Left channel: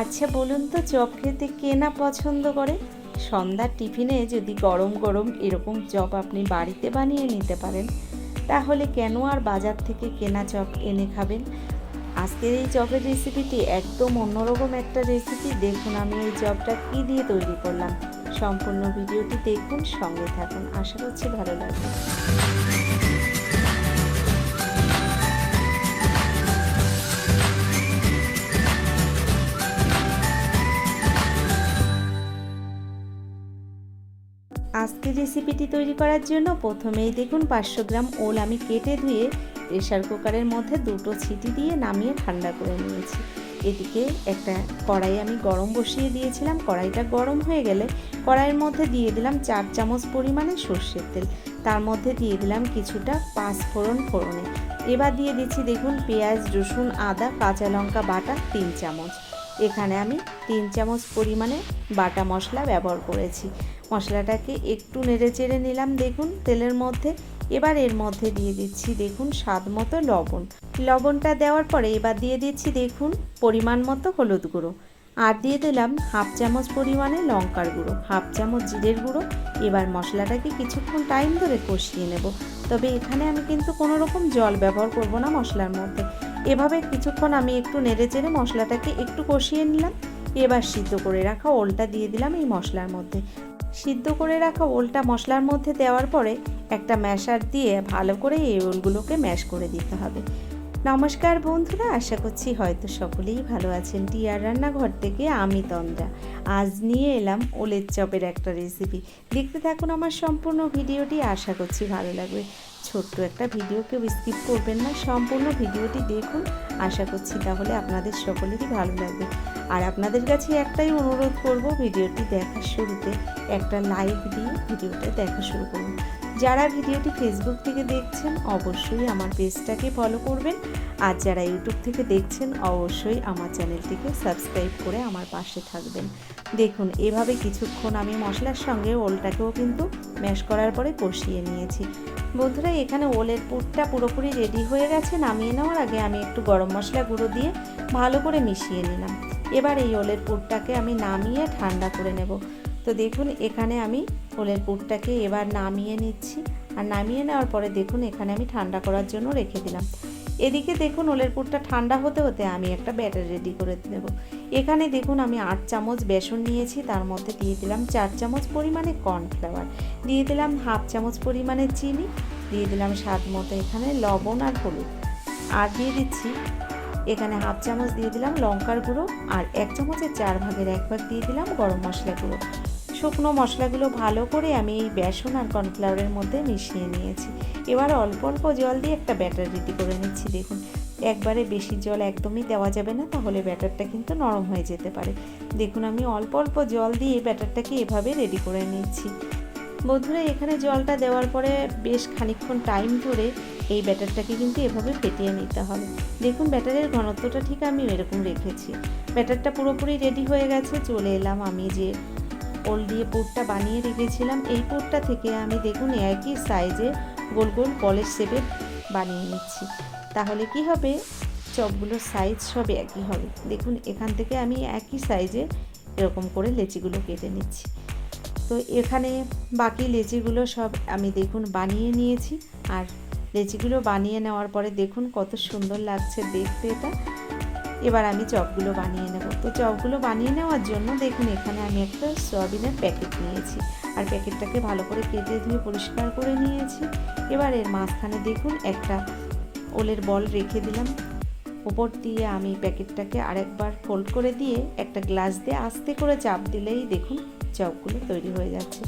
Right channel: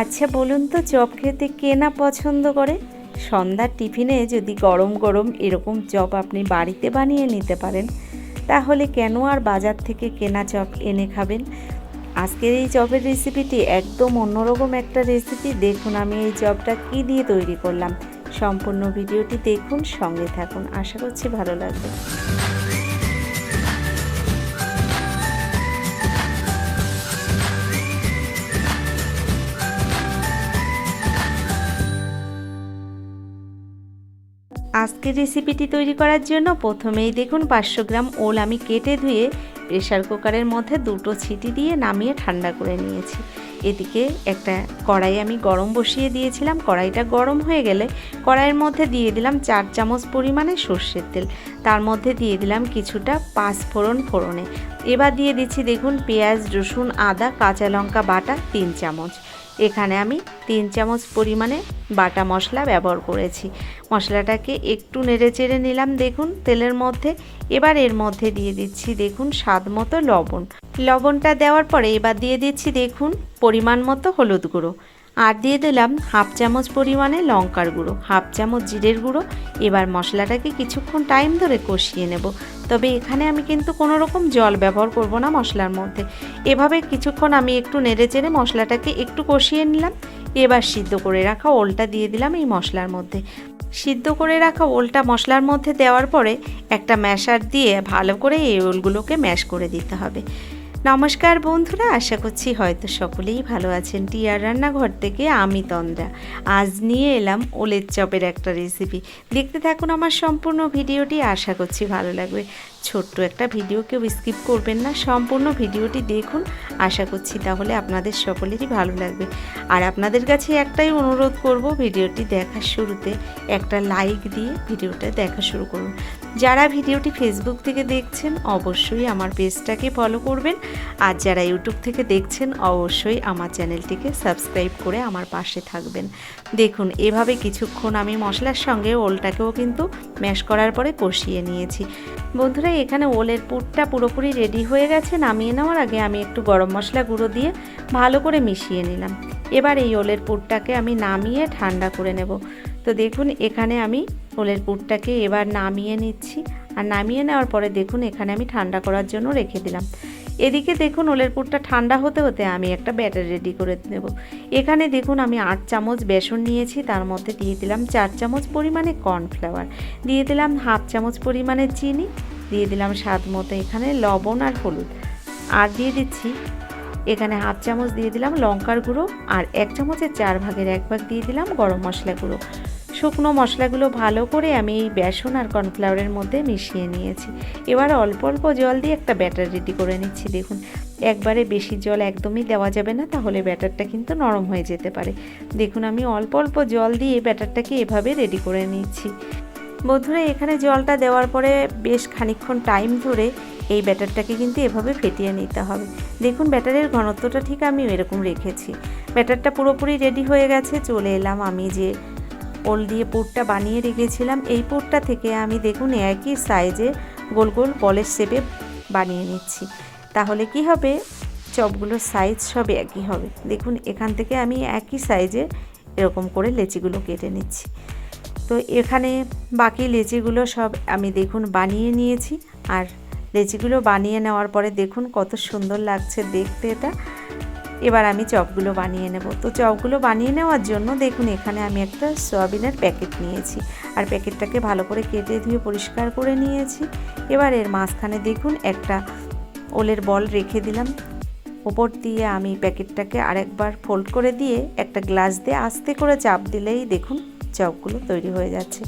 আচ্ছা বলুন তো, চপ খেতে কে না পছন্দ করে? সন্ধ্যার টিফিনে যদি গরম গরম এরকম চপ আপনি বাড়িতে বানিয়ে নিতে পারেন, তাহলে কেন আর বাজার থেকে কেনা চপ এনে খাবেন? আজকের এই চপের রেসিপিটি একদম অন্যরকম একটা রেসিপি। দেখুন আমি এই চপটা কী দিয়ে তৈরি করলাম। সম্পূর্ণ ভিডিওটি দেখুন, সঙ্গে থাকুন, আশা করছি ভালো লাগবে। আজকের রেসিপিটি তৈরি করার জন্য প্রথমেই দেখুন 500 গ্রাম ওল আমি কেটে ধুয়ে প্রেসার কুকারের মধ্যে 2টো সিটি দিয়ে নামিয়ে ঠান্ডা করে নিয়েছি। এদিকে একটা কড়াই আমি গরম বসিয়ে দিয়েছিলাম। কড়াইটা গরম হয়ে গেলে কড়াইয়ের মধ্যে দিয়ে দিলাম 4 চামচ পরিমাণে সর্ষের তেল। তার মধ্যে দিয়ে দিলাম কিছুটা পাঁচফোড়ন ফোড়নে। এবার দিয়ে দিচ্ছি দেখুন পেঁয়াজ, রসুন, আদা, কাঁচা লঙ্কা বাটা 3 চামচ। এখানে আমি 3 চামচ পরিমাণে বাটা মশলা ব্যবহার করেছি। মশলাটাকে একটু নেড়ে চেড়ে নিলাম দেখুন তেলের মধ্যে। এবার এর মধ্যে দিয়ে দিচ্ছি দেখুন স্বাদ মতো লবণ। লবণটা দেওয়ার পরে এবার দিয়ে দিচ্ছি দেখুন পরিমাণ মতো হলুদ গুঁড়ো, আর দিয়ে দিলাম হাফ চামচ পরিমাণে লঙ্কার গুঁড়ো, হাফ চামচ জিরের গুঁড়ো। এবার মশলাটাকে কিছুক্ষণ টাইম ধরে কষিয়ে নেব। তবে এখানে আমি কিন্তু কোনো রকম জল ব্যবহার করব না মশলার মধ্যে। এভাবে কিছুক্ষণ আমি একটু নেড়ে চেড়ে মশলাটাকে একটু কষিয়ে নিলাম। এবার সিদ্ধ করে রাখা ওলটা দিয়ে দিলাম এই মশলার মধ্যে। সিদ্ধ করে রাখা ওলটা মশলার মধ্যে দেওয়ার পরে একটা ম্যাশার দিয়ে ভালো করে এই ওলগুলোকে ম্যাশ করে দিতে হবে। নমস্কার বন্ধুরা, আশা করছি হয়তো সকলেই ভালো আছেন। টিয়ার রান্নাঘর থেকে আমি তন্দ্রা আজ নিয়ে এলাম ওলের চপের একটা রেসিপি। দেখতে থাকুন আমার সম্পূর্ণ ভিডিওটি, আশা করছি ভালো লাগবে। ছোট্ট একটা ভিডিও কেউ স্কিপ করবেন না, সম্পূর্ণ ভিডিওটি দেখুন, আশা করছি তাহলে আপনাদের সকলেরই ভালো লাগবে। আর আপনাদের কাছে একটাই অনুরোধ করব, ভিডিওটি দেখার শুরুতে একটা লাইক দিয়ে ভিডিওটা দেখা শুরু করুন। যারা ভিডিওটি ফেসবুক থেকে দেখছেন অবশ্যই আমার পেজটাকে ফলো করবেন, আর যারা ইউটিউব থেকে দেখছেন অবশ্যই আমার চ্যানেলটিকে সাবস্ক্রাইব করে আমার পাশে থাকবেন। দেখুন এভাবে কিছুক্ষণ আমি মশলার সঙ্গে ওলটাকেও কিন্তু ম্যাশ করার পরে কষিয়ে নিয়েছি। বন্ধুরা এখানে ওলের পুরটা পুরোপুরি রেডি হয়ে গেছে। নামিয়ে নেওয়ার আগে আমি একটু গরম মশলা গুঁড়ো দিয়ে ভালো করে মিশিয়ে নিলাম। এবার এই ওলের পুরটাকে আমি নামিয়ে ঠান্ডা করে নেব। তো দেখুন এখানে আমি ওলের পুরটাকে এবার নামিয়ে নিচ্ছি, আর নামিয়ে নেওয়ার পরে দেখুন এখানে আমি ঠান্ডা করার জন্য রেখে দিলাম। এদিকে দেখুন ওলের পুরটা ঠান্ডা হতে হতে আমি একটা ব্যাটার রেডি করে নেব। এখানে দেখুন আমি 8 চামচ বেসন নিয়েছি, তার মধ্যে দিয়ে দিলাম 4 চামচ পরিমাণে কর্নফ্লাওয়ার, দিয়ে দিলাম হাফ চামচ পরিমাণে চিনি, দিয়ে দিলাম স্বাদ মতো এখানে লবণ আর হলুদ, আর দিয়ে দিচ্ছি এখানে হাফ চামচ দিয়ে দিলাম লঙ্কার গুঁড়ো, আর 1 চামচের 4 ভাগের 1 ভাগ দিয়ে দিলাম গরম মশলা গুঁড়ো। শুকনো মশলাগুলো ভালো করে আমি এই বেসন আর কর্নফ্লাওয়ারের মধ্যে মিশিয়ে নিয়েছি। এবার অল্প অল্প জল দিয়ে একটা ব্যাটার রেডি করে নিচ্ছি। দেখুন একবারে বেশি জল একদমই দেওয়া যাবে না, তাহলে ব্যাটারটা কিন্তু নরম হয়ে যেতে পারে। দেখুন আমি অল্প অল্প জল দিয়ে ব্যাটারটাকে এভাবে রেডি করে নিচ্ছি। বন্ধুরা এখানে জলটা দেওয়ার পরে বেশ খানিকক্ষণ টাইম ধরে এই ব্যাটারটাকে কিন্তু এভাবে ফেটিয়ে নিতে হবে। দেখুন ব্যাটারের ঘনত্বটা ঠিক আমি এরকম রেখেছি। ব্যাটারটা পুরোপুরি রেডি হয়ে গেছে। চলে এলাম আমি যে ওল দিয়ে পুরটা বানিয়ে রেখেছিলাম, এই পুরটা থেকে আমি দেখুন একই সাইজে গোল গোল বলের শেপে বানিয়ে নিচ্ছি। তাহলে কি হবে, চপগুলোর সাইজ সব একই হবে। দেখুন এখান থেকে আমি একই সাইজে এরকম করে লেচিগুলো কেটে নিচ্ছি। তো এখানে বাকি লেচিগুলো সব আমি দেখুন বানিয়ে নিয়েছি। আর লেচিগুলো বানিয়ে নেওয়ার পরে দেখুন কত সুন্দর লাগছে দেখতে এটা। এবার আমি চপগুলো বানিয়ে নেব। তো চপগুলো বানিয়ে নেওয়ার জন্য দেখুন এখানে আমি একটা সয়াবিনের প্যাকেট নিয়েছি, আর প্যাকেটটাকে ভালো করে কেটে ধুয়ে পরিষ্কার করে নিয়েছি। এবার এর মাঝখানে দেখুন একটা ওলের বল রেখে দিলাম। ওপর দিয়ে আমি প্যাকেটটাকে আরেকবার ফোল্ড করে দিয়ে একটা গ্লাস দিয়ে আস্তে করে চাপ দিলেই দেখুন চপগুলো তৈরি হয়ে যাচ্ছে।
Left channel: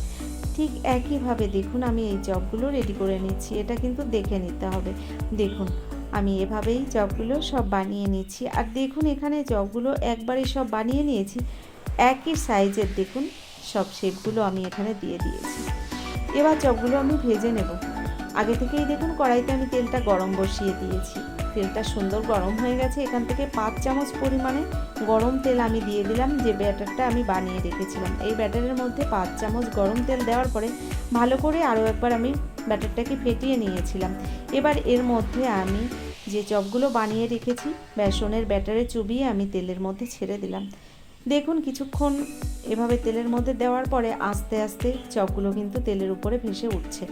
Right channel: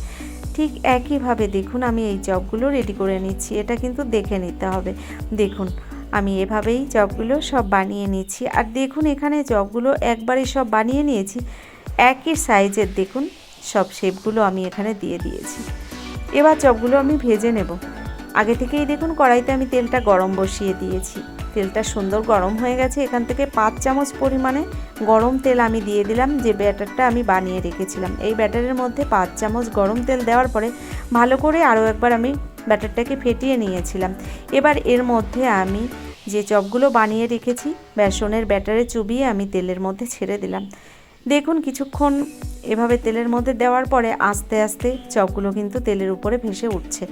ঠিক একইভাবে দেখুন আমি এই চপগুলো রেডি করে নিচ্ছি। এটা কিন্তু দেখে নিতে হবে। দেখুন আমি এভাবেই চপগুলো সব বানিয়ে নিচ্ছি। আর দেখুন এখানে চপগুলো একবারে সব বানিয়ে নিয়েছি, একই সাইজের দেখুন সব শেপগুলো আমি এখানে দিয়ে দিয়েছি। এবার চপগুলো আমি ভেজে নেব। আগে থেকেই দেখুন কড়াইতে আমি তেলটা গরম বসিয়ে দিয়েছি। তেলটা সুন্দর গরম হয়ে গেছে। এখান থেকে 5 চামচ পরিমাণে গরম তেল আমি দিয়ে দিলাম, যে ব্যাটারটা আমি বানিয়ে রেখেছিলাম। এই ব্যাটারের মধ্যে 5 চামচ গরম তেল দেওয়ার পরে ভালো করে আরও একবার আমি ব্যাটারটাকে ফেটিয়ে নিয়েছিলাম। এবার এর মধ্যে আমি যে চপগুলো বানিয়ে রেখেছি বেসনের ব্যাটারে চুবিয়ে আমি তেলের মধ্যে ছেড়ে দিলাম। দেখুন কিছুক্ষণ এভাবে তেলের মধ্যে দেওয়ার পরে আস্তে আস্তে চপগুলো কিন্তু তেলের উপরে ভেসে উঠছে,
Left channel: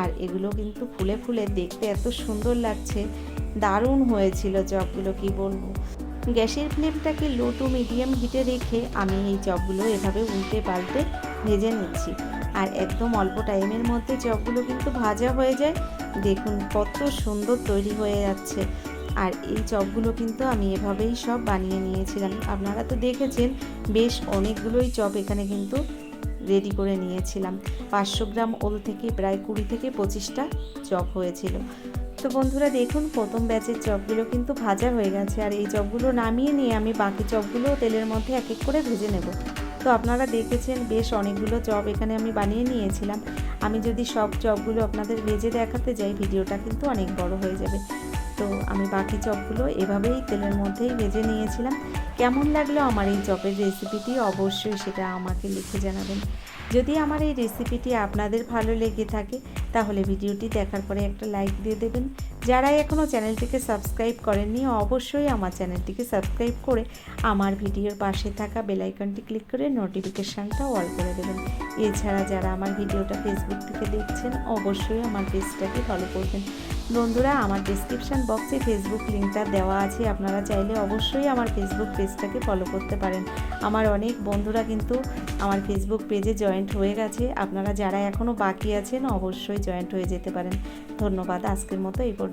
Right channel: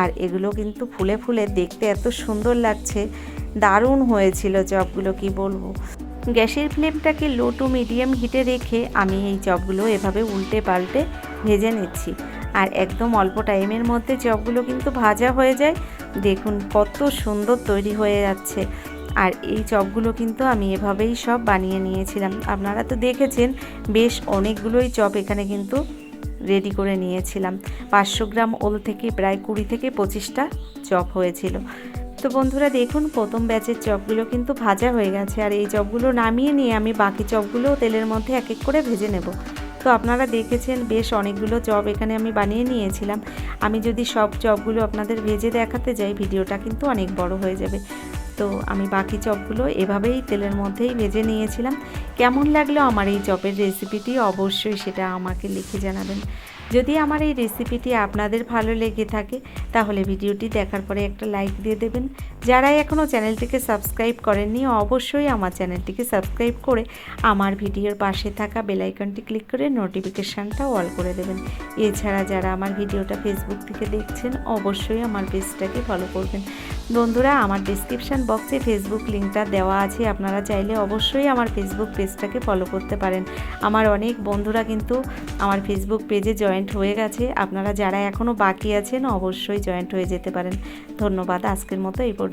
আর এগুলো কিন্তু ফুলে ফুলে দেখতে এত সুন্দর লাগছে, দারুণ হয়েছিল চপগুলো, কি বলবো। গ্যাসের ফ্লেমটাকে লো টু মিডিয়াম হিটে রেখে আমি এই চপগুলো এভাবে উল্টে পাল্টে ভেজে নিচ্ছি, আর একদম অল্প টাইমের মধ্যে চপগুলো কিন্তু ভাজা হয়ে যায়। দেখুন কত সুন্দর তৈরি হয়ে যাচ্ছে। আর এই চপগুলো কিন্তু আমি এভাবেই সব বানিয়ে নিয়েছিলাম। আপনারা তো দেখেছেন বেশ অনেকগুলোই চপ এখানে কিন্তু রেডি করে নিয়েছিলাম। 500 গ্রাম ওল থেকে প্রায় 20 থেকে 25টা চপ হয়েছিল। তো বন্ধুরা দেখুন প্রথম ব্যাচের চপগুলো কিন্তু ভাজা হয়ে গেছে, আর এই চপগুলো নামিয়ে নিয়ে আমি বাকি চপগুলোও তেলের মধ্যে এক এক করে ভেজে নেব। তো আপনারা দেখেছেন বেশ অনেকগুলো চপ এখানে আমি বানিয়ে নিয়েছিলাম। আমি যদি সব চপগুলো আপনাদের ভেজে দেখাতে যাই ভিডিওটা কিন্তু অনেক বড় হয়ে যাবে। তো আমি বাকি চপগুলো এভাবেই তেলের মধ্যেই ভেজে নিয়েছিলাম। কেমন লাগলো আমার এই চপের রেসিপিটি অবশ্যই সেটা আমাকে লিখে জানাবেন। যদি আমার এই রেসিপিটি আপনাদের ভালো লেগে থাকে তাহলে ভিডিওটি দেখার পরে একটা লাইক দিয়ে দেবেন। যারা এখনও চ্যানেলটিকে সাবস্ক্রাইব করেননি অবশ্যই আমার চ্যানেলটিকে সাবস্ক্রাইব করে আমার ভিডিওর পাশে থাকা বেল আইকনটি ক্লিক করে নোটিফিকেশানটা অল করে দেবেন। এছাড়া যারা আমার ভিডিওটা ফেসবুক থেকে দেখছেন অবশ্যই আমার পেজটাকে ফলো করবেন। বন্ধুরা আমার ডিসক্রিপশান বক্সে ফেসবুক লিঙ্কটা দেওয়া আছে, আপনারা চাইলে অবশ্যই আমার ফেসবুক পেজটাকে ফলো করতে পারেন। আমার অনেক বন্ধুরা কিন্তু আমার ফেসবুক পেজে জয়েন্ট হয়ে গেছে, আপনারা যারা এখনও বাকি আছেন অবশ্যই জয়েন্ট হয়ে যেতে পারেন। ধন্যবাদ, আজকের মতো এই পর্যন্ত।